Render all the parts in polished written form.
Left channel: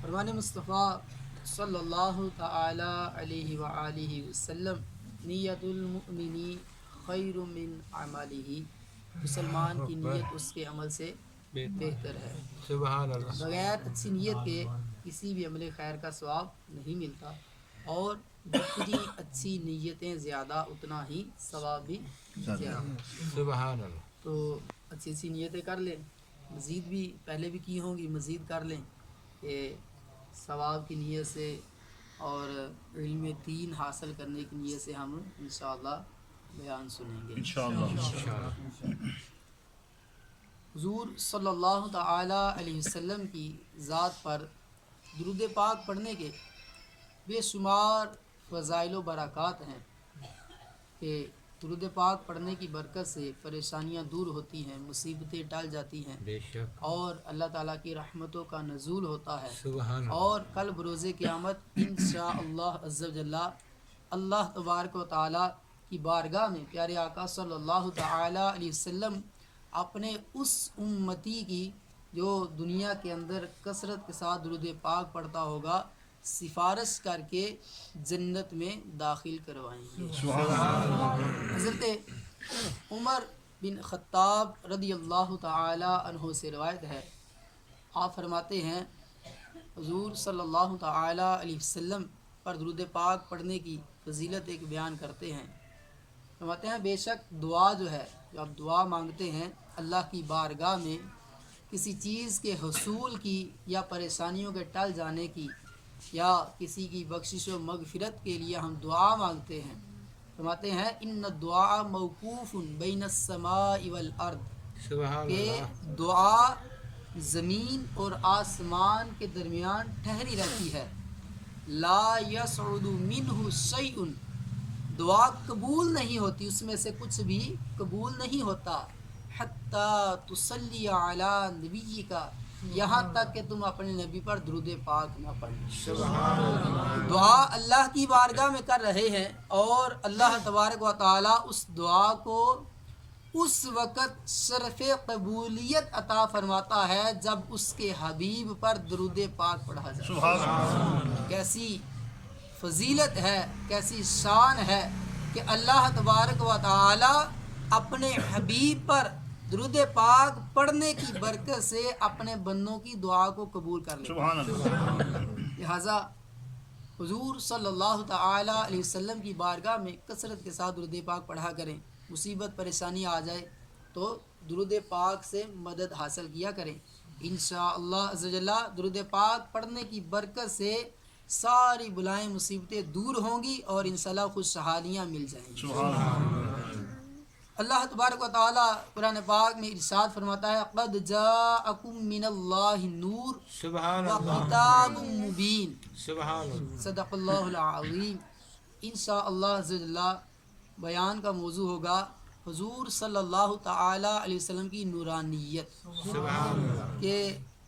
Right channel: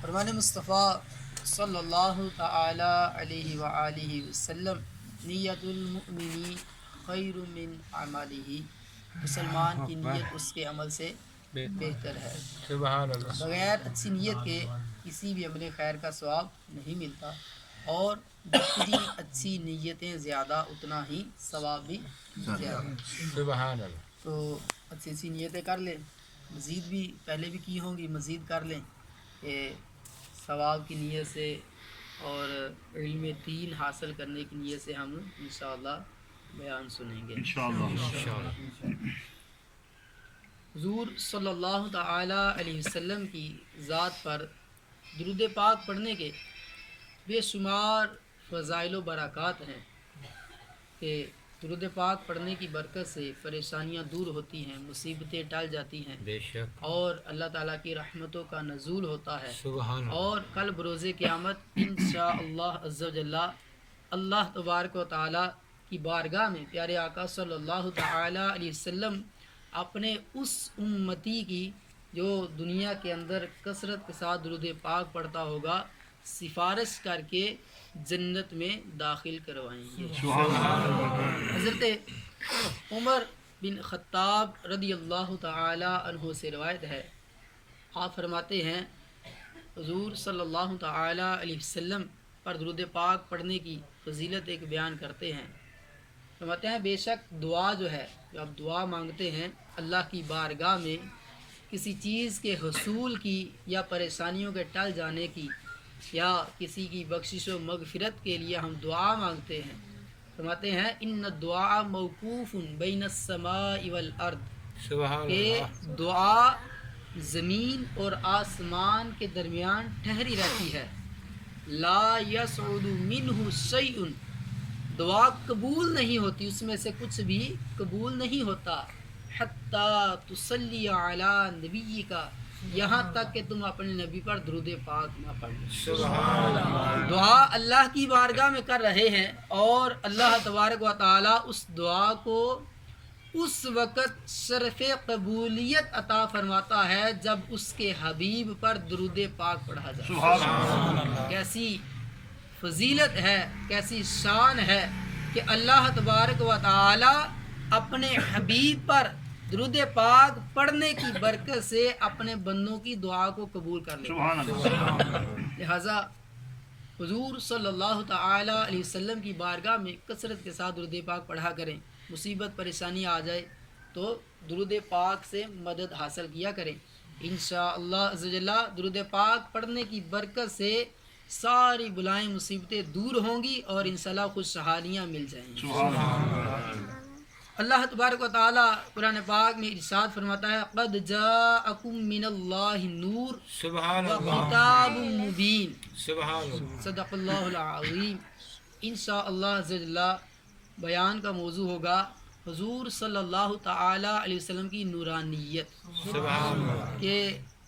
فرمان مصطفیٰ صلی اللہ تعالی علیہ وآلہ وسلم نیت المؤمنی خیر من عملہ، مسلمان کی نیت اس کے عمل سے بہتر ہے۔ سبحان اللہ۔ بغیر اچھی نیت کے کسی بھی عمل خیر کا ثواب نہیں ملتا، اور جتنی اچھی نیتیں زیادہ اتنا ہی ثواب بھی زیادہ۔ سبحان اللہ۔ تو اچھی اچھی نیتیں کر لیں، مزید بھی پہلے بھی کی ہوں گی، مزید کر لیں کہ ثواب کی نیت سے اور علم دین حاصل کرنے کی نیت سے ہم انشاءاللہ بیان سنیں گے انشاءاللہ۔ حضور صلی اللہ تعالی علیہ وسلم کی ذات پر درود پاک پڑھنے کے بے شمار فضائل و برکات ہیں کہ درود پاک پڑھنے کی برکت سے پریشانیاں دور ہوتی ہیں، مصیبتیں ٹل جاتی ہیں، بے شک۔ اور اللہ تعالیٰ کی رحمتوں کا نزول ہوتا ہے۔ سبحان اللہ۔ اور کل بروز قیامت انشاءاللہ عز و جل اللہ تبارک و تعالیٰ کی بارگاہ میں پیارے آقا صلی اللہ تعالی علیہ وسلم اپنے اس امتی کی جو دنیا کے اندر کثرت کے ساتھ درود پاک پڑھتا ہوگا سفارش کر کے جنت میں داخل کروائیں گے۔ حضرت عمر بن خطاب رضی اللہ تعالی عنہ سے روایت ہے، آپ فرماتے ہیں حضور صلی اللہ تعالی علیہ وسلم پر درود پاک پڑھنے کی فضیلت ایک بیان کرتے ہیں۔ فرماتے ہیں بے شک دعا جو ہے، جو آپ دعا مانگتے ہیں اللہ کی بارگاہ میں کسی چیز کے حصول کی یا پریشانیوں کے ٹل جانے کی یا کسی کی بخشش و مغفرت کے لیے ہم دعا مانگتے ہیں، فرماتے ہیں ان الدعاء موقوف بین السماء والارض، سبحان کہ اللہ۔ دعا زمین اور آسمان کے درمیان ٹھہری رہتی ہے، لا یصعد منہ شیء، دعا قبول نہیں ہوتی، اس میں سے کچھ بھی قبول نہیں ہوتا، حتی تصلی علی نبیک، یہاں تک کہ تم اپنے نبی پر درود پاک نہ پڑھو۔ سبحان اللہ۔ دعا اللہ کی بارگاہ میں کر رہے ہیں، اور اللہ تبارک و تعالی اس دعا کو اس وقت شرف قبولیت عطا فرماتا ہے جب اس کے حبیب پر درود پاک پڑھا جائے۔ کیسی فضیلت ہے، کیسی شان ہے کہ اللہ تبارک و تعالی اپنے حبیب پر درود پاک پڑھنے کی برکت سے اپنے بندوں کی دعا کو قبول کر لیتا ہے۔ لہٰذا حضور صلی اللہ تعالی علیہ وسلم کی بارگاہ میں کثرت کے ساتھ درود پاک پڑھا کریں، مصیبت پریشانی آ جائے تو درود پاک سے مدد حاصل کیا کریں۔ انشاءاللہ عز و جل درود پاک پڑھنے کی برکت سے ساری بلائیں مصیبتیں دور ہوں گی اور انشاءاللہ خوشحالیاں مل جائیں گی۔ اللہ تبارک و تعالی قرآن پاک میں ارشاد فرماتا ہے قد جاءکم من اللہ نور سبحان اللہ۔ وکتاب مبین، سبحان اللہ۔ صدق اللہ العظیم۔ انشاءاللہ عز و جل بیان کا موضوع ہوگا حضور صلی اللہ تعالی علیہ وسلم کی نورانیت، سبحان اللہ۔ کہ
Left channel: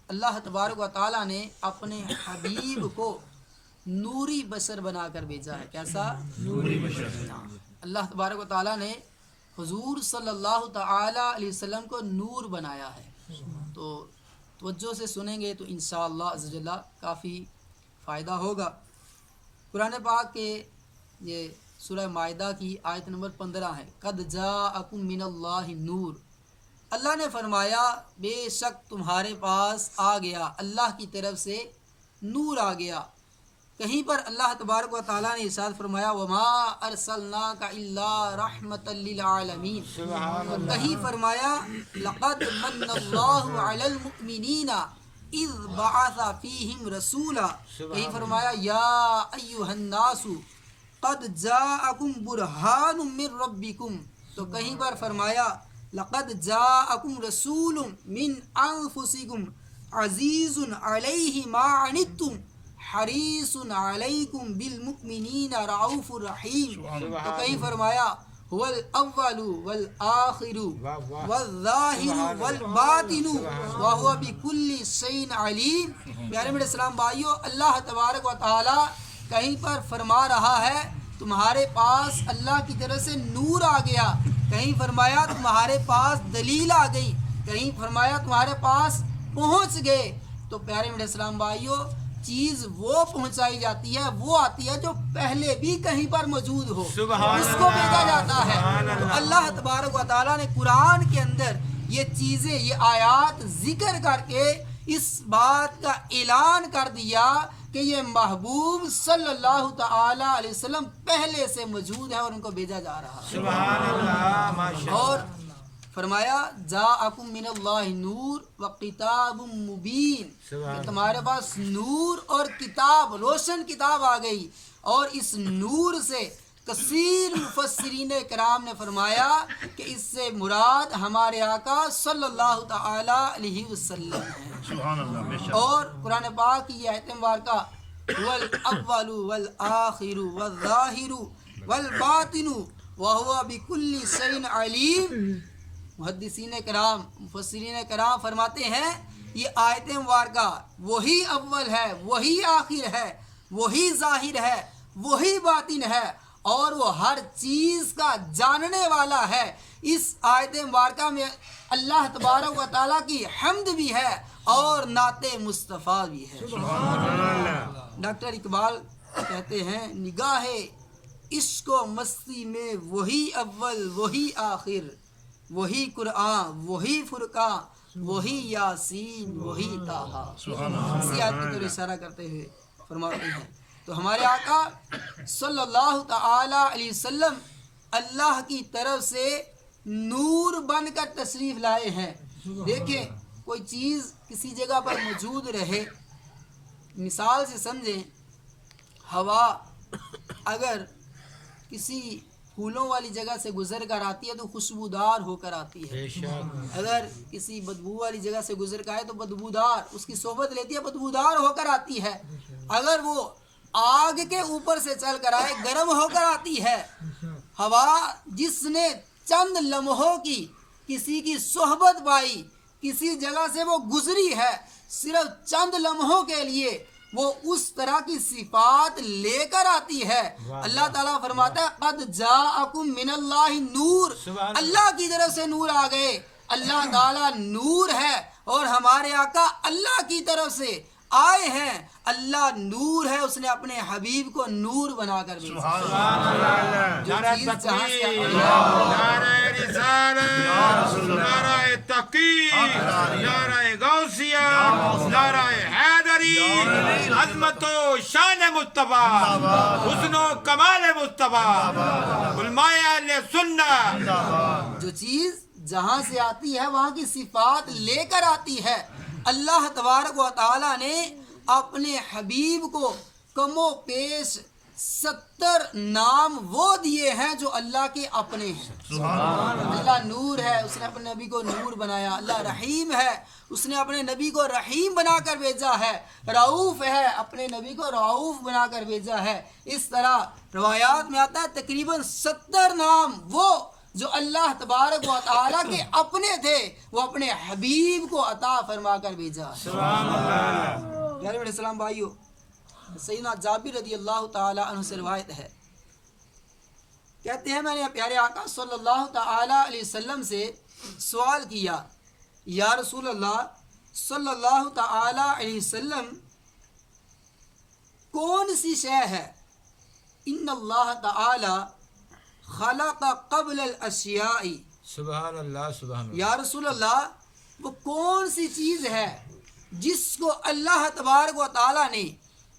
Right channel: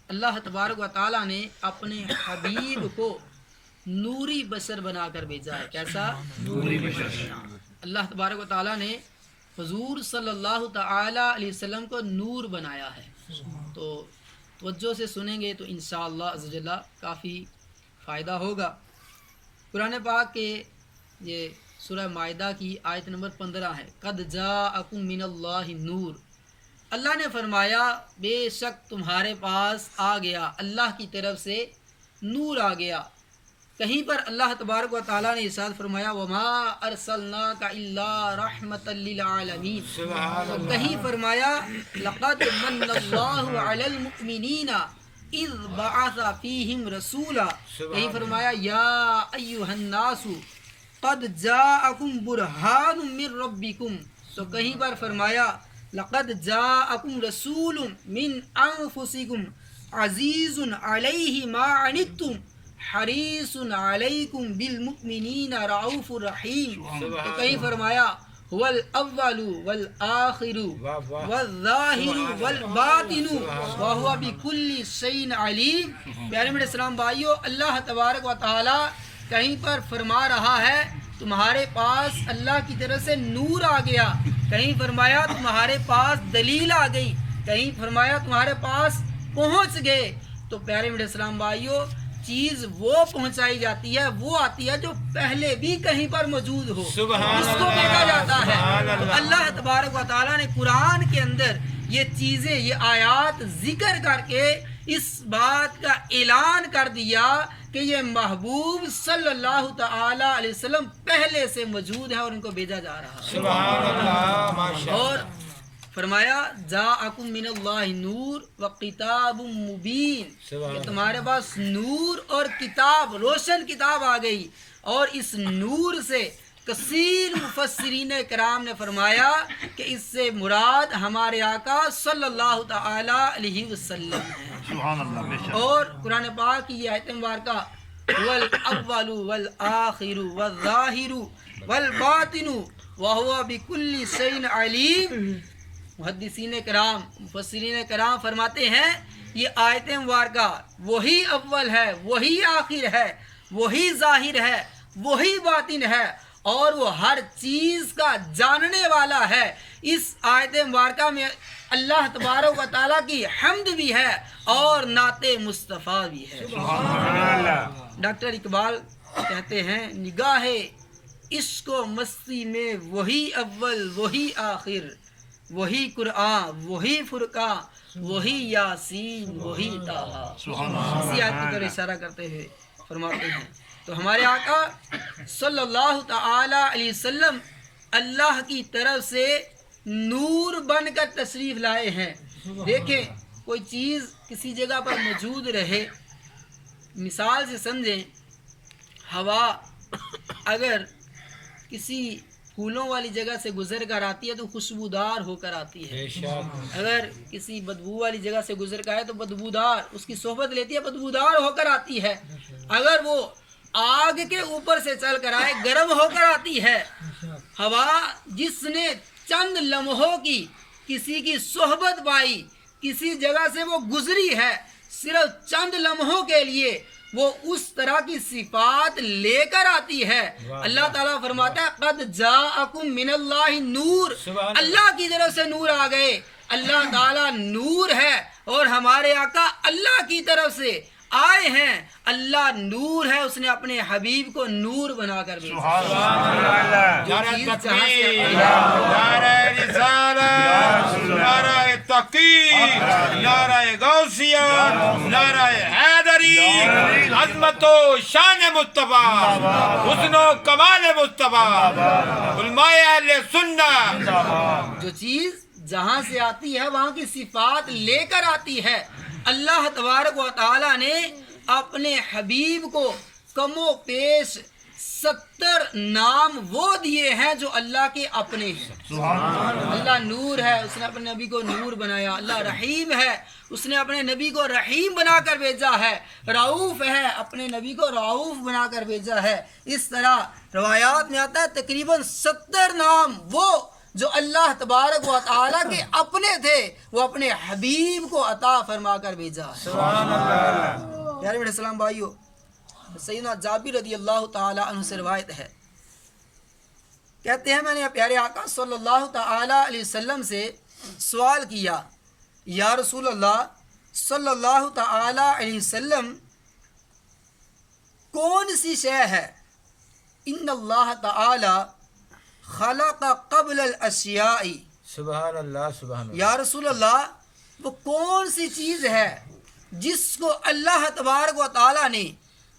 اللہ تبارک و تعالی نے اپنے حبیب کو نوری بشر بنا کر بھیجا ہے۔ کیسا؟ نوری بشر۔ اللہ تبارک و تعالی نے حضور صلی اللہ تعالی علیہ وسلم کو نور بنایا ہے۔ تو توجہ سے سنیں گے تو انشاءاللہ عز و جل کافی فائدہ ہوگا۔ قرآن پاک کے یہ سورہ مائدہ کی آیت نمبر 15 ہے، قد جاءکم من اللہ نور، اللہ نے فرمایا بے شک تمہارے پاس آ گیا، اللہ کی طرف سے نور آ گیا۔ کہیں پر اللہ تبارک و تعالیٰ نے ارشاد فرمایا وما ارسلناک الا رحمۃ للعالمین، اور کہیں فرمایا لقد من اللہ علی المؤمنین اذ بعث فیہم رسولا، کہیں فرمایا یا ایھا الناس قد جاءکم برہان من ربکم، تو کہیں پر فرمایا لقد جاءکم رسول من انفسکم عزیز علیہ ما عنتم حریص علیکم بالمؤمنین رؤوف رحیم، تو کہیں فرمایا هو الاول والآخر والظاہر والباطن وهو بكل شیء علیم۔ پیارے میرے اسلام بھائیو، اللہ تبارک و تعالی کہیں پر فرما رہا ہے تمہارے پاس اللہ کی طرف سے نور آ گیا، کہیں فرمایا تمہارے پاس دلیل آ گئی، کہیں فرمایا تمہارے پاس پہنچ گئے، تو پیارے میٹھے اسلام بھائیوں چیز وہ پہنچائی جاتی ہے، وہ آتی ہے جو پہلے بھی کہیں پر موجود ہو، سبحان اس کو بھیجا جاتا ہے۔ سبحان تو اللہ۔ اللہ تبارک و تعالیٰ نے قرآن کے اندر یہ چیزیں، یہ آیات ذکر کر کے اس بات کا اعلان کر دیا کہ یہ محبوب صلی اللہ تعالی علیہ وسلم پہلے سے موجود ہے اور ان کو بھیجا جا رہا ہے۔ سبحان اللہ، ماشاء اور اللہ۔ فرمایا جاءکم من اللہ نور و کتاب مبین، سبحان کہ تمہارے پاس نور اور کتاب، روشن کتاب آ گئی۔ اور اس نور سے کثیر مفسرین کرام نے فرمایا کہ اس سے مراد ہمارے آقا صلی اللہ تعالی علیہ وسلم ہے۔ اور قرآن پاک کی یہ آیت مبارکہ والاول والآخر والظاہر والباطن وہو بکل شیء علیم، محدثین کرام، مفسرین کرام فرماتے ہیں یہ آیت مبارکہ وہی اول ہے، وہی آخر ہے، وہی ظاہر ہے، وہی باطن ہے، اور وہ ہر چیز کا جاننے والا ہے۔ اس آیت مبارکہ میں اللہ تبارک و تعالیٰ کی حمد بھی ہے اور نعت مصطفیٰ بھی ہے۔ ڈاکٹر اقبال کہتے ہیں نگاہ عشق و مستی میں وہی اول وہی آخر، وہی قرآن وہی فرقان وہی یاسین وہی طٰہٰ۔ اسی آیت کی طرف اشارہ کرتے ہوئے فرماتے ہیں تو ہمارے آقا صلی اللہ تعالی علیہ وسلم اللہ کی طرف سے نور بن کر تشریف لائے ہیں۔ دیکھیں کوئی چیز کسی جگہ پر موجود رہے، مثال سے سمجھیں ہوا اگر کسی پھولوں والی جگہ سے گزر کر آتی ہے تو خوشبودار ہو کر آتی ہے، بے شک۔ اگر کسی بدبو والی جگہ سے گزر کر آئے تو بدبودار، اس کی صحبت لیتی ہے بدبودار ہو کر آتی ہے۔ اگر وہ آگ کے اوپر سے چل کر آئے گرم ہو کر آتی ہے۔ ہوا جس نے چند لمحوں کی کسی کی صحبت پائی، کسی جگہ سے وہ گزری ہے، صرف چند لمحوں کے لیے وہ اس طرح کی صفات لے کر آتی ہے۔ اللہ تعالیٰ فرماتا ہے قد جاءکم من اللہ نور، اللہ کی طرف سے نور آ گئے۔ اللہ تعالیٰ نور ہے اور ہمارے آقا اللہ کی طرف سے آئے ہیں۔ اللہ نور ہے، اس نے اپنے حبیب کو نور بنا کر بھیجا۔ نعرہ تکبیر، نعرہ رسالت، نعرہ تحقیق، نعرہ غوثیہ، نعرہ حیدری، عظمت و شان مصطفیٰ، حسن و کمال مصطفیٰ، علماء اہل سنت۔ جو چیز جہاں سے آتی ہے وہاں کی صفات لے کر آتی ہے۔ اللہ تبارک و تعالیٰ نے اپنے حبیب کو کم و بیش 70 نام وہ دیے ہیں جو اللہ کے اپنے ہیں۔ اللہ نور ہے، اس نے اپنے نبی کو نور بنایا۔ اللہ رحیم ہے، اس نے اپنے نبی کو رحیم بنا کر بھیجا ہے۔ رعوف ہے، اپنے نبی کو رعوف بنا کر بھیجا ہے۔ اس طرح روایات میں آتا ہے تقریباً 70 نام وہ جو اللہ تبارک و تعالیٰ کے اپنے تھے وہ اپنے حبیب کو عطا فرما کر بھیجا ہے۔ پیارے میرے اسلام بھائیو، سیدنا جابر رضی اللہ تعالی عنہ سے روایت ہے، کہتے ہیں میں نے پیارے آقا صلی اللہ تعالی علیہ وسلم سے سوال کیا، یا رسول اللہ صلی اللہ تعالی علیہ وسلم کون سی شے ہے ان اللہ تعالی خلق قبل الاشیاء، سبحان اللہ، سبحان اللہ۔ یا رسول اللہ وہ کون سی چیز ہے جس کو اللہ تبارک و تعالی نے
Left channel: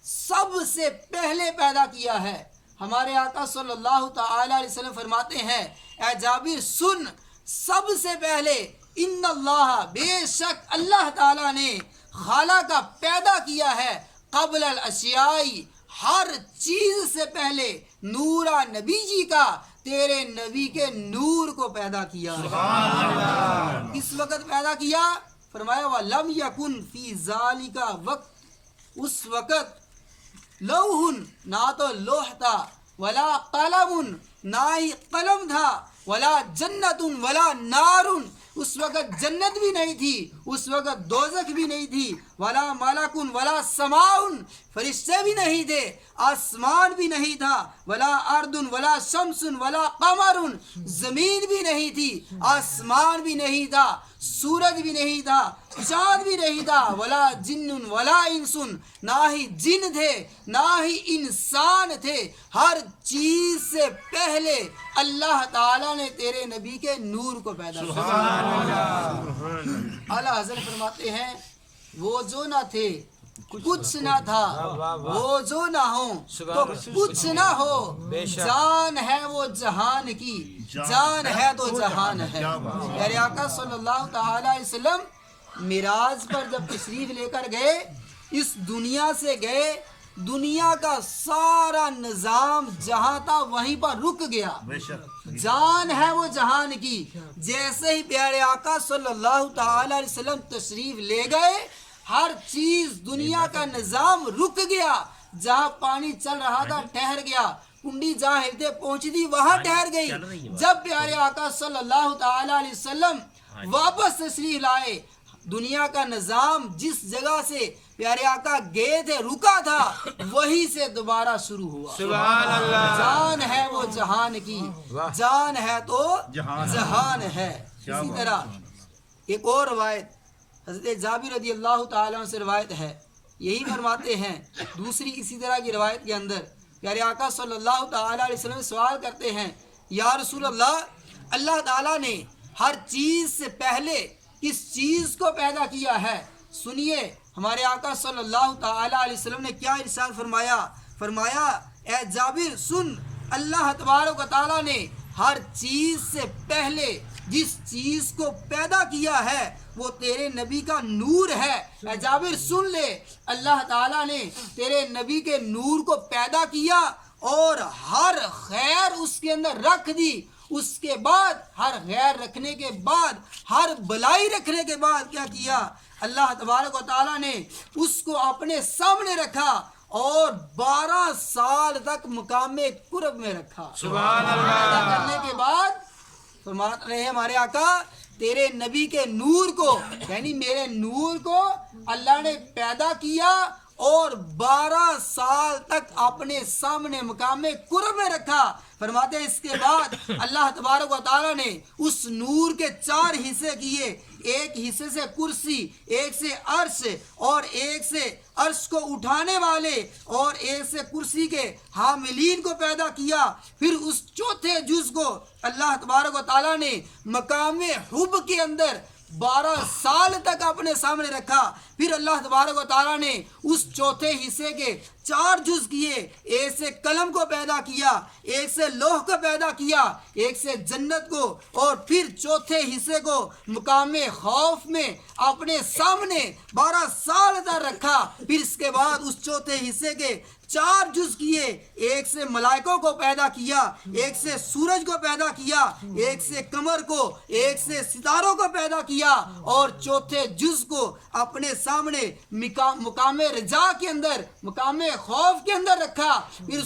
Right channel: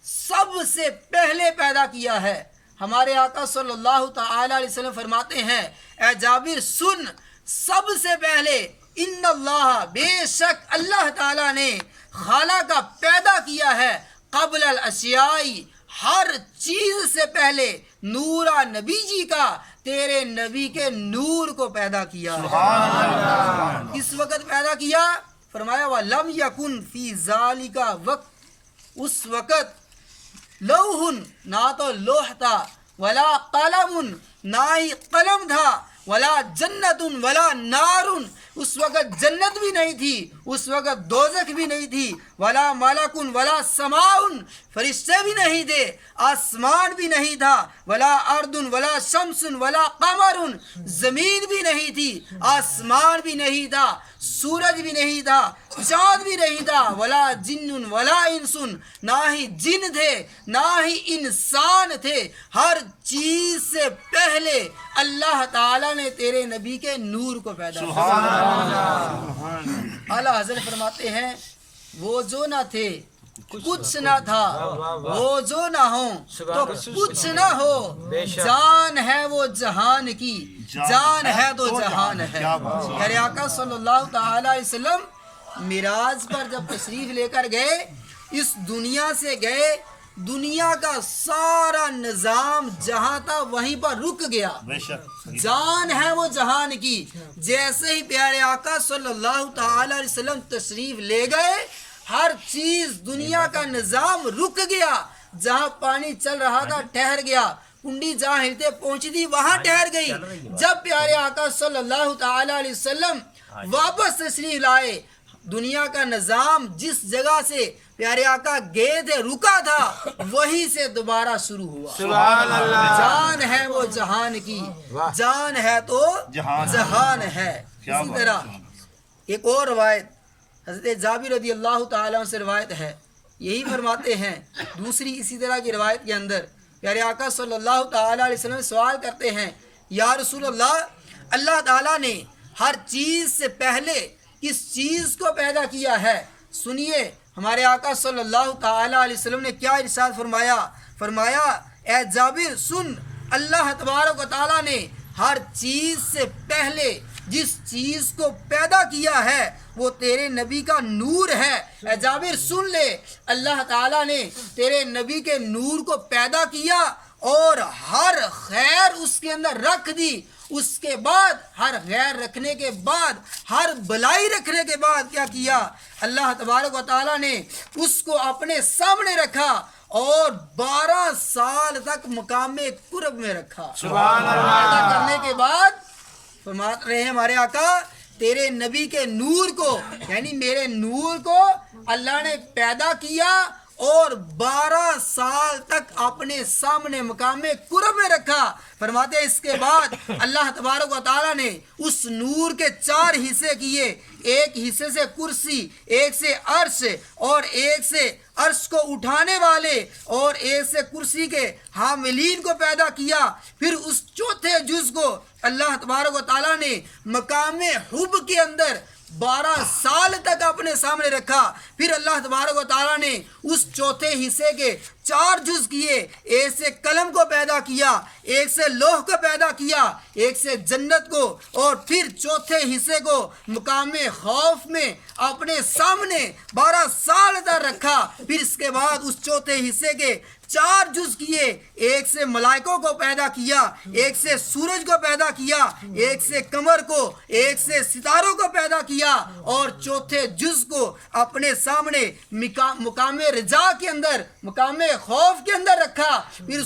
سب سے پہلے پیدا کیا ہے؟ ہمارے آقا صلی اللہ تعالی علیہ وسلم فرماتے ہیں اے جابر سن، سب سے پہلے ان اللہ، بے شک اللہ تعالی نے خالق کا پیدا کیا ہے قبل الاشیاء، ہر چیز سے پہلے نورا نبی جی کا، تیرے نبی کے نور کو پیدا کیا۔ کس وقت پیدا کیا؟ فرمایا وَلَمْ يَكُنْ فِي ذَلِكَ وقت، اس وقت لوح، نہ تو لوح تھا، ولا قلم، نہ ہی قلم تھا، ولا جنت ولا نار، اس وقت جنت بھی نہیں تھی، اس وقت دوزخ بھی نہیں تھی، ولا ملک ولا سماء، فرشتے بھی نہیں تھے، آسمان بھی نہیں تھا، ولا ارض ولا شمس ولا قمر، زمین بھی نہیں تھی، آسمان بھی نہیں تھا، سورج بھی نہیں تھا، چاند بھی نہیں تھا، ولا جن ولا انسن، نہ ہی جن تھے نہ ہی انسان تھے، ہر چیز سے پہلے اللہ تعالیٰ نے تیرے نبی کے نور کو پیدا کیا۔ اعلیٰ حضرت فرماتے ہیں وہ جو نہ تھے کچھ نہ تھا، وہ جو نہ ہو تو کچھ نہ ہو، جان ہے وہ جہان کی، جان ہے تو جہان ہے۔ پیارے آقا صلی اللہ تعالی علیہ وسلم معراج پر جب تشریف لے کر گئے، اس دنیا سے گئے، دنیا کا سارا نظام جہاں تھا وہیں پر رک گیا، جان ہے وہ جہان کی۔ جیسے ہی پیارے آقا صلی اللہ تعالی علیہ وسلم تشریف لے گئے، ہر چیز دنیا کا نظام رک گیا، جہاں پانی چل رہا تھا ٹھہر گیا، کنڈی جہاں ہلتے پہنچی تھی وہاں ٹھہر گئی۔ جب پیارے آقا صلی اللہ تعالی علیہ وسلم واپس تشریف لائے، دنیا کا نظام جس جگہ سے پیارے آقا گئے تھے رکا تھا وہیں سے دوبارہ شروع ہوا۔ سبحان اللہ، جان ہے وہ جہان کی، جان ہے تو جہان ہے۔ اسی طرح ایک اور روایت حضرت جابر رضی اللہ تعالیٰ عنہ سے روایت ہے، یہی فرماتے ہیں دوسری اسی طرح کی روایت کے اندر پیارے آقا صلی اللہ تعالیٰ علیہ وسلم سوال کرتے ہیں، یا رسول اللہ، اللہ تعالیٰ نے ہر چیز سے پہلے کس چیز کو پیدا کیا ہے؟ سنیے ہمارے آقا صلی اللہ تعالیٰ علیہ وسلم نے کیا ارشاد فرمایا، فرمایا اے جابر سن، اللہ تبارک و تعالیٰ نے ہر چیز سے پہلے جس چیز کو پیدا کیا ہے وہ تیرے نبی کا نور ہے۔ اے جابر سن لے، اللہ تعالیٰ نے تیرے نبی کے نور کو پیدا کیا اور ہر خیر اس کے اندر رکھ دی، اس کے بعد ہر غیر رکھنے کے بعد، ہر بلائی رکھنے کے بعد کیا کیا؟ اللہ تبارک و تعالیٰ نے اس کو اپنے سامنے رکھا اور 12 سال تک مقام قرب میں رکھا۔ سبحان اللہ، کرنے کے بعد فرماتے رہے ہمارے آقا، تیرے نبی کے نور کو یعنی میرے نور کو اللہ نے پیدا کیا اور 12 سال تک اپنے سامنے مقام قرب میں رکھا۔ فرماتے ہیں اس کے بعد اللہ تبارک و تعالیٰ نے اس نور کے 4 حصے کیے، ایک حصے سے کرسی، ایک سے عرش اور ایک سے عرش کو اٹھانے والے اور ایک سے کرسی کے حاملین کو پیدا کیا۔ پھر اس چوتھے جز کو اللہ تبارک و تعالیٰ نے مقام حب کے اندر 12 سال تک اپنے سامنے رکھا۔ پھر اللہ تبارک و تعالیٰ نے اس چوتھے حصے کے 4 جز کیے، ایک سے قلم کو پیدا کیا، ایک سے لوح کو پیدا کیا، ایک سے جنت کو، اور پھر چوتھے حصے کو مقام خوف میں اپنے سامنے 12 سال تک رکھا۔ پھر اس کے بعد اس چوتھے حصے کے 4 جز کیے، ایک سے ملائکوں کو پیدا کیا، ایک سے سورج کو پیدا کیا، ایک سے قمر کو، ایک سے ستاروں کو پیدا کیا، اور چوتھے جز کو اپنے سامنے مقام رجا کے اندر، مقام خوف کے اندر رکھا۔ پھر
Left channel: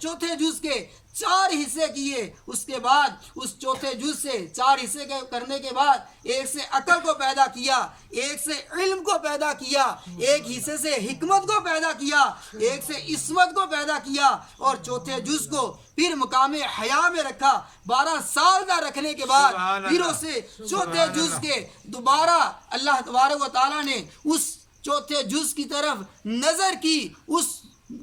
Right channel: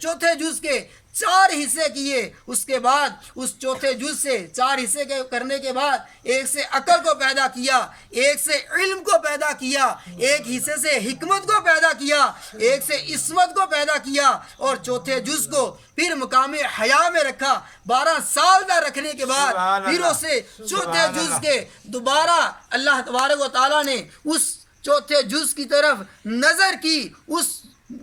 چوتھے جز کے 4 حصے کیے، اس کے بعد اس چوتھے جز سے 4 حصے کرنے کے بعد ایک سے عقل کو پیدا کیا، ایک سے علم کو پیدا کیا، ایک حصے سے حکمت کو پیدا کیا، ایک سے عصمت کو پیدا کیا، اور چوتھے جز کو پھر مقام حیا میں رکھا۔ 12 سال کا رکھنے کے بعد پھر اسے چوتھے جز کے دوبارہ اللہ تبارک و تعالیٰ نے اس چوتھے جز کی طرف نظر کی، اس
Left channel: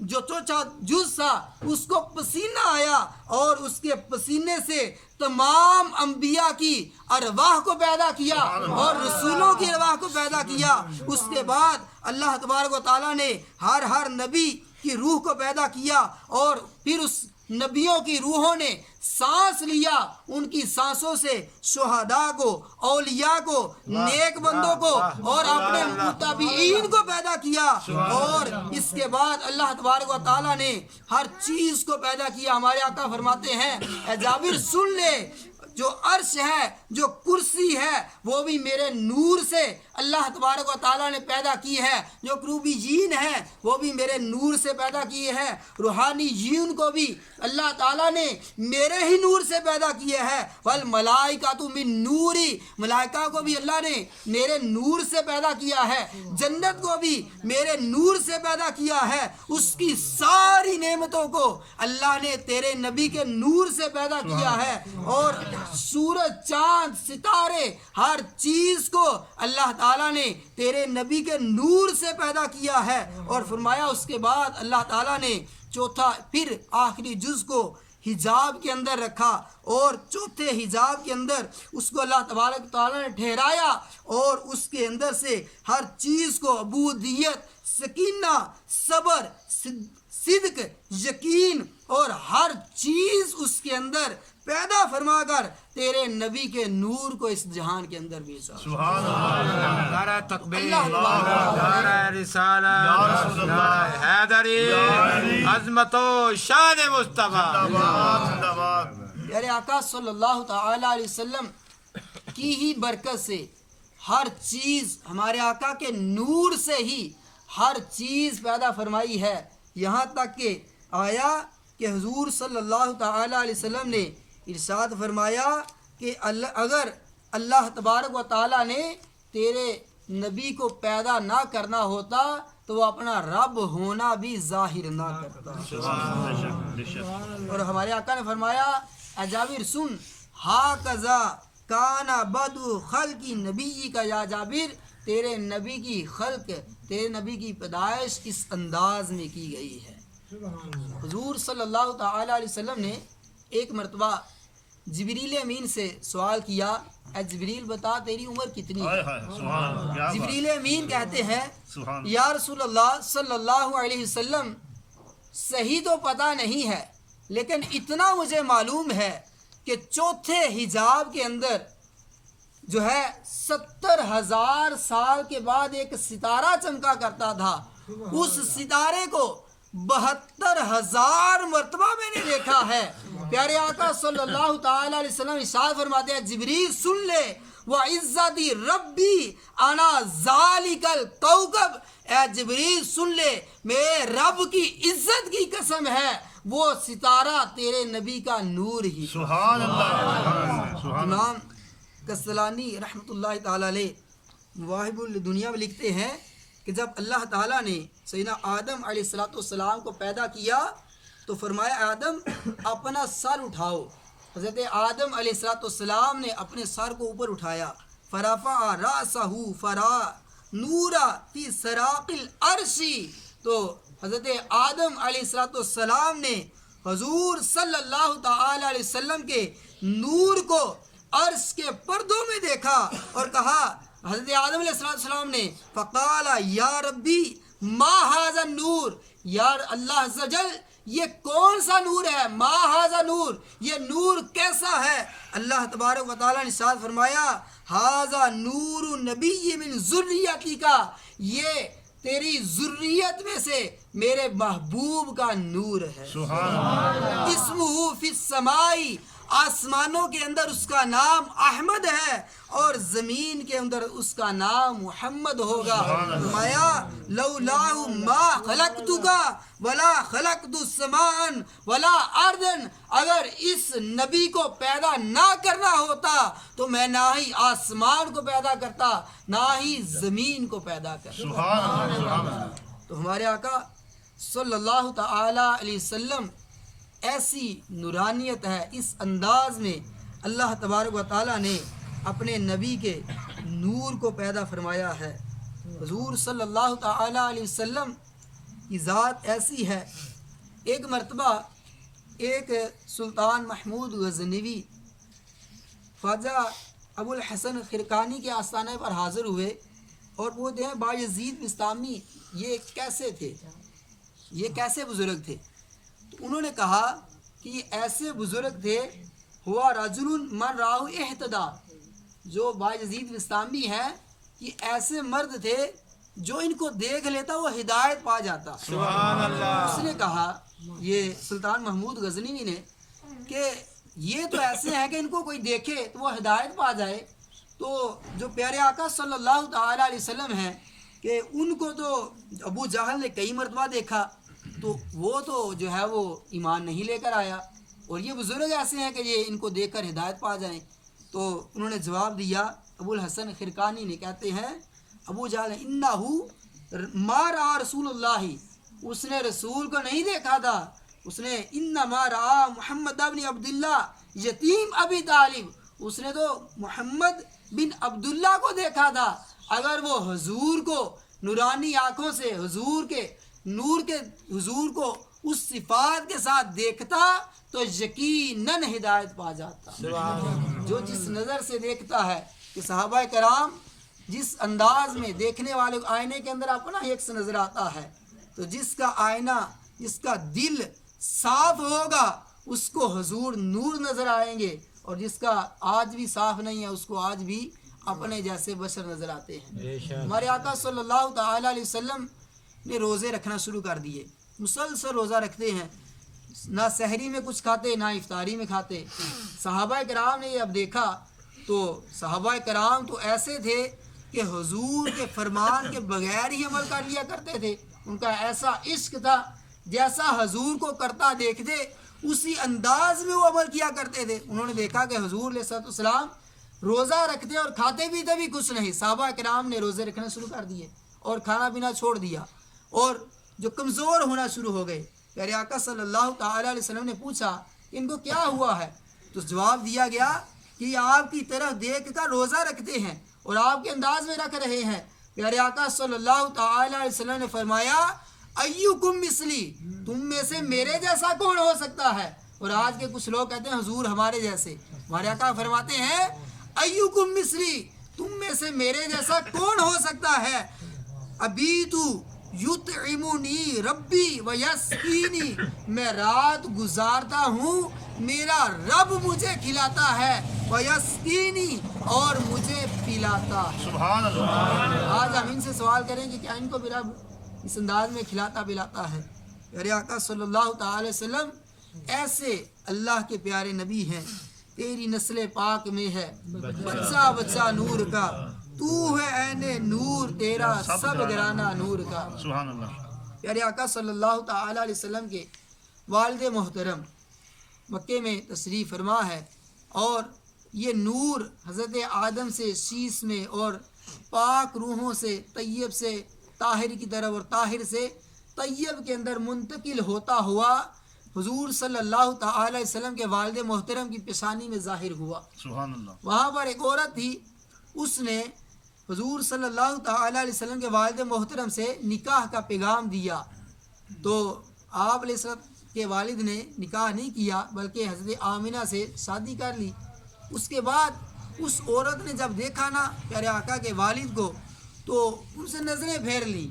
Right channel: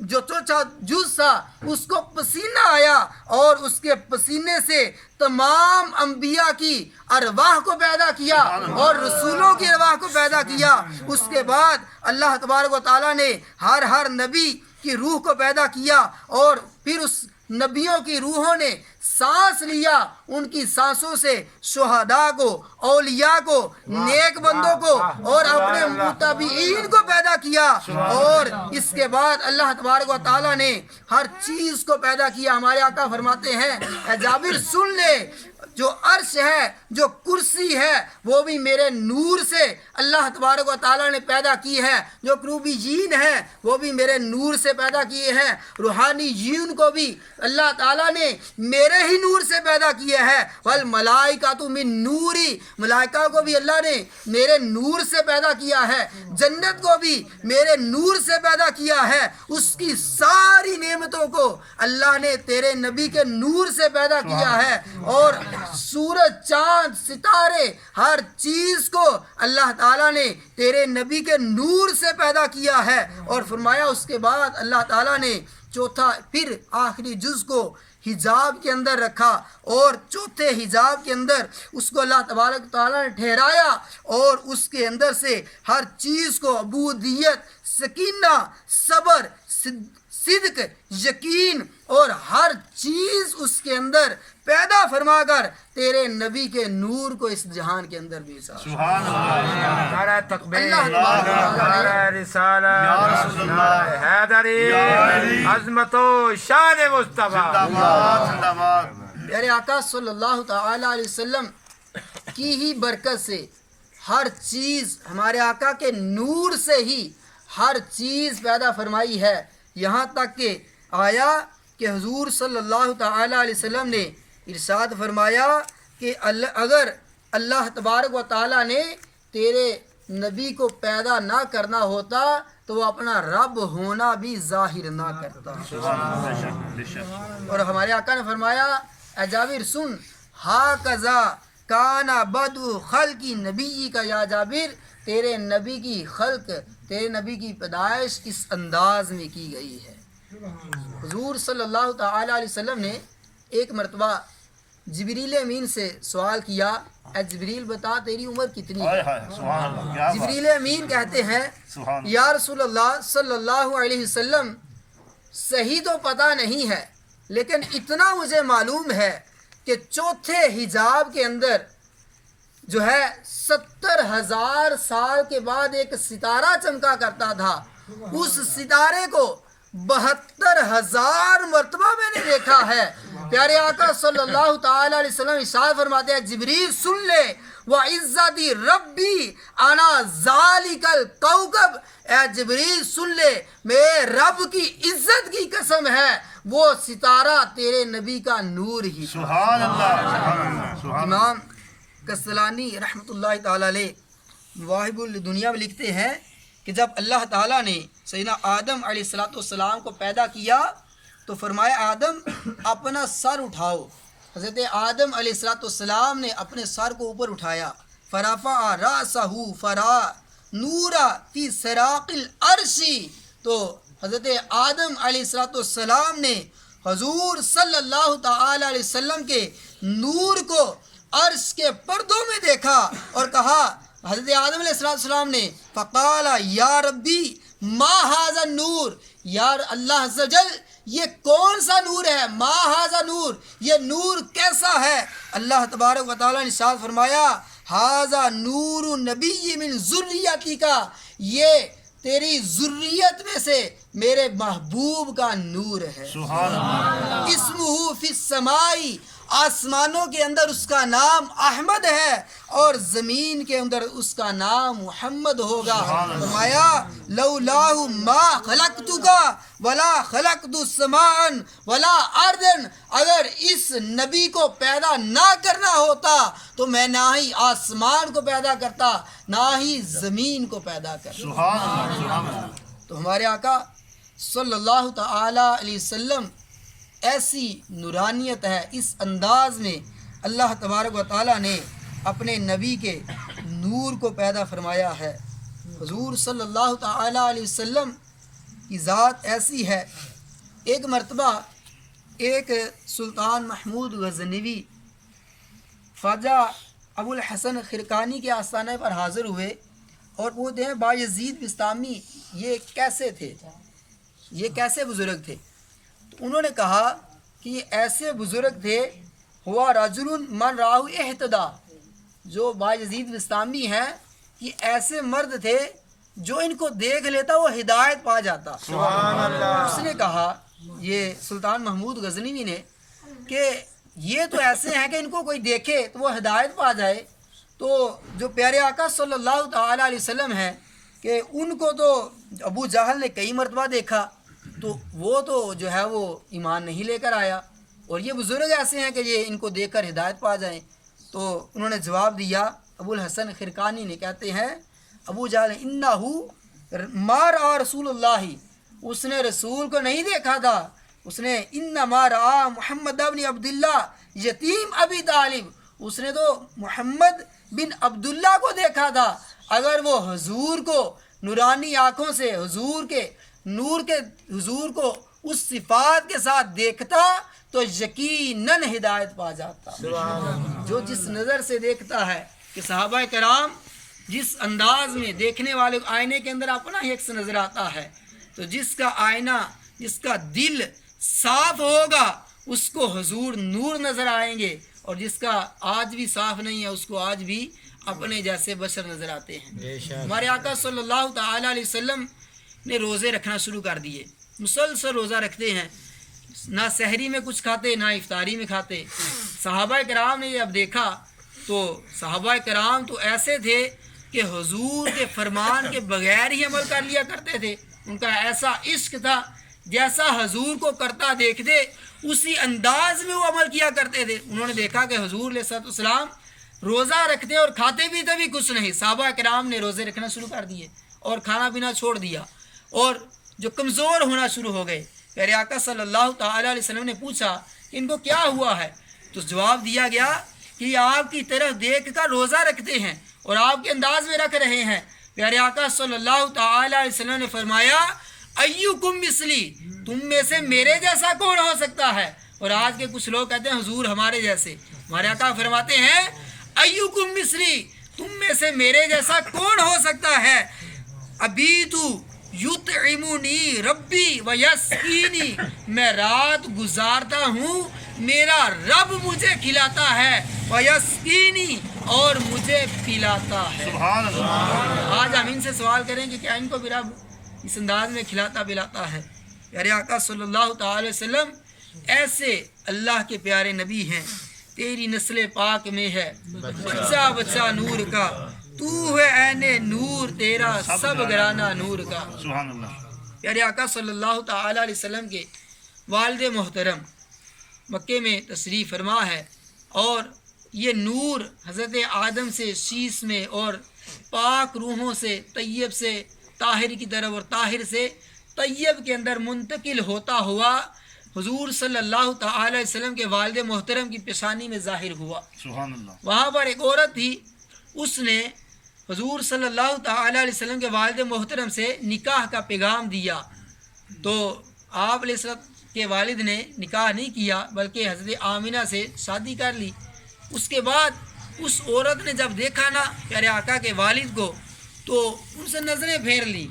جو چوتھا جز تھا اس کو پسینہ آیا اور اس کے پسینے سے تمام انبیاء کی ارواح کو پیدا کیا اور رسولوں کی ارواح کو پیدا کیا۔ اس کے بعد اللہ تبارک و تعالیٰ نے ہر نبی کی روح کو پیدا کیا، اور پھر اس نبیوں کی روحوں نے سانس لیا، ان کی سانسوں سے شہداء کو، اولیاء کو، نیک بندوں کو اور اپنے متبعین کو پیدا کیا۔ اور اس کے بعد اللہ تبارک و تعالیٰ نے ہر چیز کو پیدا کیا۔ ہمارے آقا فرماتے ہیں اے جابر سن لے، جو عرش ہے، جو کرسی ہے، وہ بھی میرے نور سے اللہ تبارک و تعالیٰ نے پیدا کی ہے، جو کروبیین ہیں وہ بھی میرے نور سے پیدا کیے ہیں، روحانی جین کو بھی اللہ تعالیٰ نے میرے ہی نور سے پیدا کیے ہیں، والملائکۃ من نوری، ملائکہ کو بھی اللہ نے میرے نور سے پیدا کیا ہے، جنت کو بھی میرے نور سے پیدا کیا ہے، اس کی ساری نعمتوں کو اللہ نے تیرے نبی کے نور سے پیدا کیا ہے، اور سورج چاند ستارے ہر چیز کو اللہ تعالیٰ نے تیرے نبی کے نور سے پیدا کیا ہے. اور فرمایا اس کے بعد اللہ تعالیٰ نے چوتھا پھر آخری جز کو حجاب کے اندر رکھا اور چوتھے حجاب کے اندر اس کو اللہ تبارک تعالیٰ نے ٹھہرایا اور اس کے اندر سے ہر چیز کو عبودیت، سکینہ، صبر، صدق، یقین اور ہر چیز اس کے اندر پیدا فرما کر تیرے نبی کے نور کو اس جہان کے اندر بھیجا. سبحان اللہ. نعرہ تکبیر، اللہ نعرہ رسالت، نعرہ حیدری، عظمت و شان مصطفیٰ. پیارے آقا صلی اللہ تعالی علیہ وسلم کی ہی برکت سے ہر چیز، ہمارے آقا کے نور سے ہی ہر چیز پیدا فرمائی ہے. یہاں تک کہ آیا کہ حضور صلی اللہ تعالی علیہ وسلم نے ارشاد فرمایا کہ اگر اللہ تبارک و تعالیٰ نے تیرے نبی کو پیدا نہ کرنا ہوتا تو وہ اپنا رب ہونا بھی ظاہر نہ کرتا. اور ہمارے آقا نے فرمایا اے جابر سن، ہا کذا کانا بدو خلقی نبی کا، یا جابر تیرے نبی کی خلق، تیرے نبی کی پیدائش اس انداز میں کی گئی ہے. حضور صلی اللہ تعالی علیہ وسلم نے ایک مرتبہ جبریل امین سے سوال کیا، اے جبریل بتا تیری عمر کتنی ہے؟ جبریل امین کہتے ہیں یا رسول اللہ صلی اللہ علیہ وسلم صحیح تو پتہ نہیں ہے لیکن اتنا مجھے معلوم ہے کہ چوتھے حجاب کے اندر جو ہے 70,000 سال کے بعد ایک ستارہ چمکا کرتا تھا. اس ستارے کو 72,000 مرتبہ میں نے دیکھا ہے. پیارے آقا صلی اللہ تعالی علیہ وسلم ارشاد فرماتے ہیں جبریل سن لے، وَعِزَّتِ رَبِّي أَنَا ذَلِكَ الْكَوْكَبْ، اے جبریل سن لے میرے رب کی عزت کی قسم ہے وہ ستارہ تیرے نبی کا نور ہی. سبحان اللہ. امام کسلانی رحمۃ اللہ تعالی علیہ مواہب الدنیا میں لکھتے ہیں کہ جب اللہ تعالیٰ نے سیدنا آدم علیہ السلام کو پیدا کیا تو فرمایا آدم اپنا سر اٹھاؤ. حضرت آدم علیہ السلام نے اپنے سر کو اوپر اٹھایا، فرفع رأسہ فرا نورا فی سراق العرش، تو حضرت آدم علیہ السلام نے حضور صلی اللہ تعالی علیہ وسلم کے نور کو عرش کے پردوں میں دیکھا اور کہا، حضرت آدم علیہ السلام نے فقال یا ربی ما ھذا النور، یا اللہ عز و جل یہ کون سا نور ہے، ما ھذا نور یہ نور کیسا ہے. اللہ تبارک و تعالیٰ نے ارشاد فرمایا ھذا نور نبی من ذریتک، یہ تیری ذریت میں سے میرے محبوب کا نور ہے. سبحان اللہ. اسمہ فی السماء، آسمانوں کے اندر اس کا نام احمد ہے اور زمین کے اندر اس کا نام محمد ہوگا. فرمایا لولاہ ما خلقتک ولا خلقت السماء ولا ارضا، اگر اس نبی کو پیدا نہ کرنا ہوتا تو میں نہ ہی آسمان کو پیدا کرتا نہ ہی زمین کو پیدا کرتا. سبحان اللہ. تو ہمارے آقا صلی اللہ تعالی علیہ وسلم ایسی نورانیت ہے، اس انداز میں اللہ تبارک و تعالیٰ نے اپنے نبی کے نور کو پیدا فرمایا ہے. حضور صلی اللہ تعالی علیہ وسلم کی ذات ایسی ہے. ایک مرتبہ ایک سلطان محمود غزنوی خواجہ ابو الحسن خرقانی کے آستانے پر حاضر ہوئے اور پوچھتے ہیں بایزید بستامی یہ کیسے تھے، یہ کیسے بزرگ تھے؟ تو انہوں نے کہا کہ یہ ایسے بزرگ تھے ہوا رجل من راہ اہتدا، جو بایزید بستامی ہیں یہ ایسے مرد تھے جو ان کو دیکھ لیتا وہ ہدایت پا جاتا. سبحان اللہ. اس نے کہا یہ سلطان محمود غزنوی نے کہ یہ تو ایسے ہیں کہ ان کو کوئی دیکھے تو وہ ہدایت پا جائے. تو جو پیارے آقا صلی اللہ تعالی علیہ وسلم ہیں کہ ان کو تو ابو جہل نے کئی مرتبہ دیکھا تو وہ تو جو ہے وہ ایمان نہیں لے کر آیا، اور یہ بزرگ ایسے ہیں کہ یہ ان کو دیکھ کر ہدایت پا جائیں. تو انہوں نے جواب دیا، ابو الحسن خرقانی نے کہتے ہیں ابو جہل انہو ما رأى رسول اللہ، اس نے رسول کو نہیں دیکھا تھا اس نے انما رآ محمد بن عبداللہ یتیم ابی طالب، اس نے تو محمد بن عبداللہ کو دیکھا تھا، اگر وہ حضور کو نورانی آنکھوں سے حضور کے نور کے حضور کو اس صفات کے ساتھ دیکھتا تو یقیناً ہدایت پا جاتا۔ جو جس نظر سے دیکھتا ہے کہ صحابہ کرام جس انداز میں دیکھنے والے آئینے کے اندر اپنا ہی عکس نظر آتا ہے، تو جس کا آئینہ جس کا دل صاف ہوگا اس کو حضور نور نظر آئیں گے، اور جس کا آج بھی صاف نہیں ہے اس کو آج بھی اپنے جیسے بشر نظر آتے ہیں۔ ہمارے آقا صلی اللہ تعالی علیہ وسلم نے روزے رکھنا شروع کر دیے، مسلسل روزہ رکھتے ہیں، نہ سحری میں کچھ کھاتے نہ افطاری میں کھاتے۔ صحابہ کرام نے یہ اب دیکھا تو صحابہ کرام تو ایسے تھے کہ حضور کے فرمان کے بغیر ہی عمل کر لیا کرتے تھے، ان کا ایسا عشق تھا جیسا حضور کو کرتا دیکھتے اسی انداز میں وہ عمل کیا کرتے تھے۔ انہوں نے دیکھا کہ حضور علیہ السلام روزہ رکھتے اور کھاتے پیتے بھی کچھ نہیں، صحابہ کرام نے روزے رکھنا شروع کر دیے اور کھانا پینا چھوڑ دیا، اور جو کمزور ہونا شروع ہو گئے۔ پیارے آقا صلی اللہ تعالی علیہ وسلم نے پوچھا کہ ان کو کیا ہوا ہے، تو جواب دیا گیا کہ یہ آپ کی طرف دیکھ کر روزہ رکھتے ہیں اور آپ کے انداز میں رکھ رہے ہیں۔ پیارے آقا صلی اللہ تعالی علیہ وسلم نے فرمایا ایکم مثلی، تم میں سے میرے جیسا کون ہو سکتا ہے؟ اور آج کے کچھ لوگ کہتے ہیں حضور ہمارے جیسے، ہمارے آقا فرماتے ہیں ایکم مثلی، تم میں سے میرے جیسا کون ہو سکتا ہے؟ ابیت یطعمنی ربی ویسقینی، میں رات گزارتا ہوں میرا رب مجھے کھلاتا ہے، ویسقینی اور مجھے پلاتا ہے۔ سبحان اللہ۔ آج ہم ان سے سوال کریں کہ کیا ان کو بھی رب اس انداز میں کھلاتا پلاتا ہے؟ پیارے آقا صلی اللہ تعالی وسلم ایسے اللہ کے پیارے نبی ہیں، تیری نسل پاک میں ہے بچہ بچہ نور کا، تو ہے عین نور تیرا سب گرانہ نور کا۔ سبحان اللہ۔ پیارے آقا صلی اللہ تعالی علیہ وسلم کے والد محترم مکے میں تشریف فرما ہے، اور یہ نور حضرت آدم سے شیش میں اور پاک روحوں سے طیب سے طاہر کی طرف اور طاہر سے طیب کے اندر منتقل ہوتا ہوا حضور صلی اللہ تعالی علیہ وسلم کے والد محترم کی پیشانی میں ظاہر ہوا۔ سبحان اللہ۔ وہاں پر ایک عورت تھی، اس نے حضور صلی اللہ تعالی علیہ وسلم کے والد محترم سے نکاح کا پیغام دیا، تو آپ علیہ السلام کے والد نے نکاح نہیں کیا بلکہ حضرت آمینہ سے شادی کر لی۔ اس کے بعد اس عورت نے جب دیکھا نا پیارے آقا کے والد کو تو ان سے نظریں پھیر لی،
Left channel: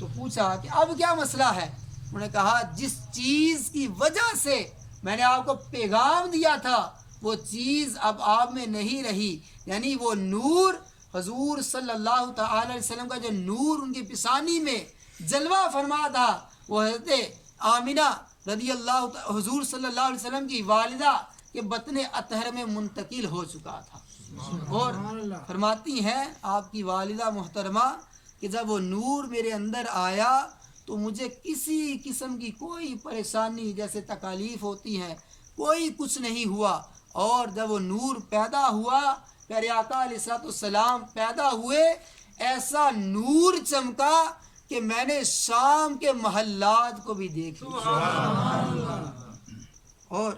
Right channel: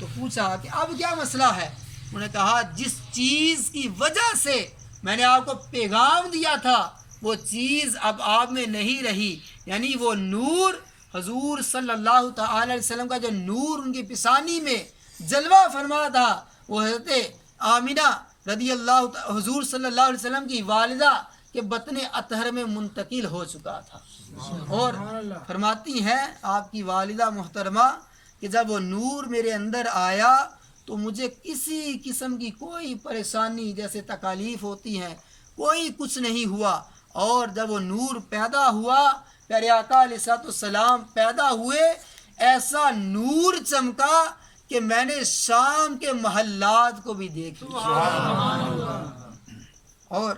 تو پوچھا کہ اب کیا مسئلہ ہے؟ انہوں نے کہا جس چیز کی وجہ سے میں نے آپ کو پیغام دیا تھا وہ چیز اب آپ میں نہیں رہی، یعنی وہ نور حضور صلی اللہ تعالی علیہ وسلم کا جو نور ان کی پیشانی میں جلوہ فرما تھا وہ حضرت آمینہ رضی اللہ حضور صلی اللہ علیہ وسلم کی والدہ کے بطن اطہر میں منتقل ہو چکا تھا۔ اور فرماتی ہیں آپ کی والدہ محترمہ کہ جب وہ نور میرے اندر آیا تو مجھے کسی قسم کی کوئی پریشانی جیسے تکالیف ہوتی ہیں کوئی کچھ نہیں ہوا، اور جب وہ نور پیدا ہوا پیارے آقا علیہ السلام پیدا ہوئے، ایسا نور چمکا کہ میں نے شام کے محلات کو بھی دیکھ لیا، اور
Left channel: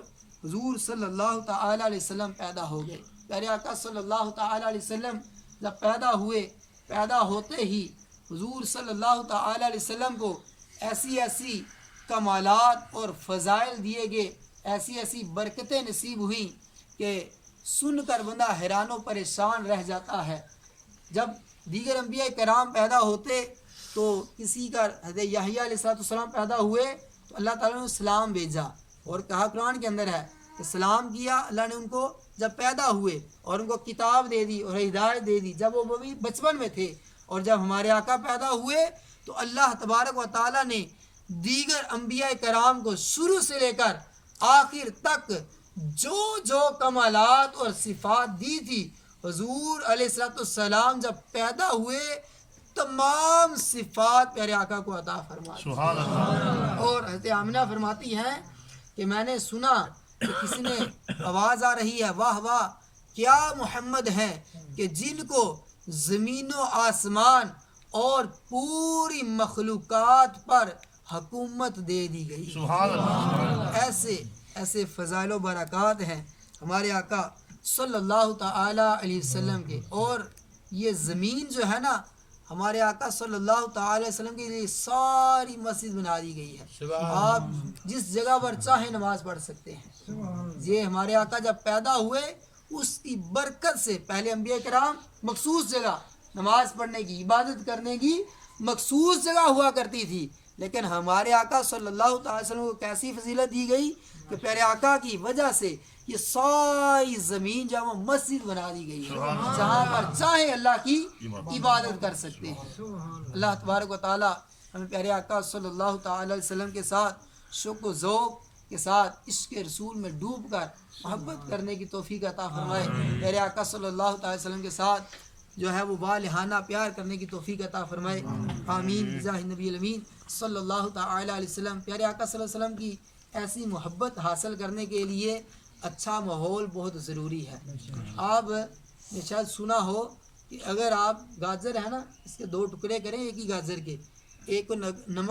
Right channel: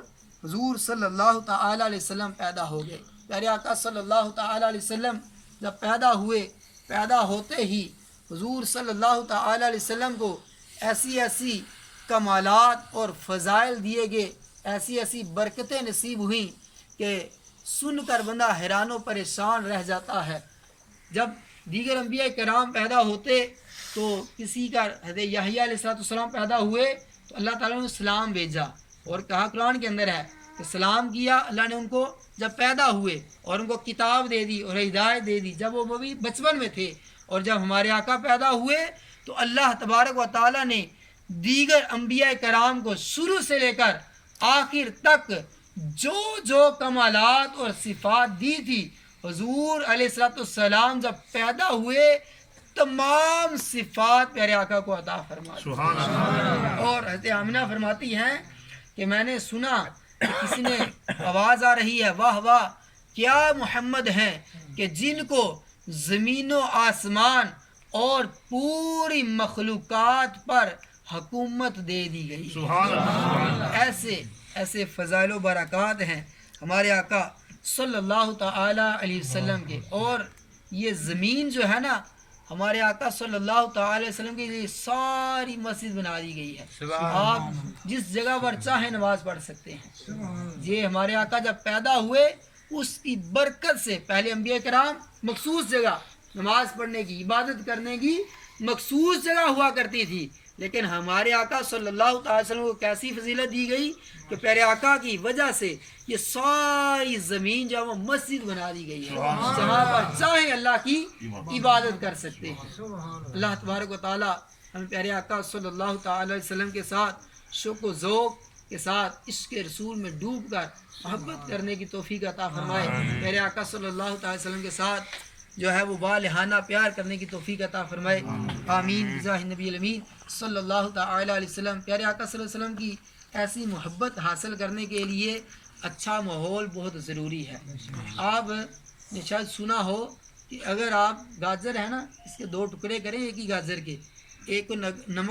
حضور صلی اللہ تعالی علیہ وسلم پیدا ہو گئے۔ پیارے آقا صلی اللہ تعالی علیہ وسلم جب پیدا ہوئے، پیدا ہوتے ہی حضور صلی اللہ تعالی علیہ وسلم کو ایسی ایسی کمالات اور فضائل دیے گئے، ایسی ایسی برکتیں نصیب ہوئیں کہ سن کر بندہ حیران و پریشان رہ جاتا ہے۔ جب دیگر انبیاء کرام پیدا ہوتے تو کسی کا حضرت یحییٰ علیہ السلام پیدا ہوئے تو اللہ تعالیٰ نے سلام بھیجا اور کہا قرآن کے اندر ہے کہ سلام کیا اللہ نے ان کو جب پیدا ہوئے، اور ان کو کتاب دے دی اور ہدایت دے دی جب وہ بھی بچپن میں تھے، اور جب ہمارے آقا پیدا ہوئے تو اللہ تبارک و تعالیٰ نے دیگر انبیاء کرام کو شروع سے لے کر آخر تک جو جو کمالات اور صفات دی تھی حضور علیہ السلام جب پیدا ہوئے تمام صفات پیارے آقا کو عطا فرما دی۔ سبحان اللہ۔ اور حضرت آمینہ فرماتی ہیں کہ میں نے سنا کہ کسی نے آواز آ رہی ہے واہ واہ کیا محمد ہیں کہ جن کو زمین و آسمان اور پوری مخلوقات پر حکومت دے دی گئی ہے۔ سبحان اللہ ایسے ایسے فضائل و برکات ہیں ہمارے آقا صلی اللہ تعالی علیہ وسلم کے، اور یہ زمین جو ہے نا ہمارے آقا صلی اللہ تعالی علیہ وسلم کے لیے ساری مسجد بنا دی گئی ہے۔ آپ جس جگہ پر چاہیں نماز پڑھ سکتے ہیں۔ یہ ہمارے آقا جب پیدا ہوئے اس کی برکت سے پہلے انبیاء کرام مخصوص جگہ نماز پڑھنے کی، عبادت کرنے کی مخصوص جگہ ہوا کرتی تھی، لیکن ہمارے آقا صلی اللہ تعالی وسلم کو کیسی فضیلت دی گئی کہ پیارے آقا کی وجہ سے یہ ساری زمین جو ہے وہ مسجد بنا دی گئی ہے، جہاں پر چاہیں اللہ کی عبادت کر سکتے ہیں۔ اللہ تبارک و تعالی ہمیں پیارے آقا صلی اللہ تعالی علیہ وسلم کے ساتھ شوق و ذوق کے ساتھ عشق رسول میں ڈوب کر محبت کرنے کی توفیق عطا فرمائے۔ پیارے آقا صلی اللہ تعالی وسلم کے ساتھ جو ہے وہ والہانہ پیار کرنے کی توفیق عطا فرمائے، آمین بجاہ نبی الامین صلی اللہ تعالی علیہ وسلم۔ پیارے آقا صلی اللہ علیہ وسلم کی ایسی محبت حاصل کرنے کے لیے اچھا ماحول بہت ضروری ہے۔ آپ نے شاید سنا ہو کہ اگر آپ گاجر ہے نا اس کے 2 ٹکڑے کریں ایک ہی گاجر کے، ایک کو نمک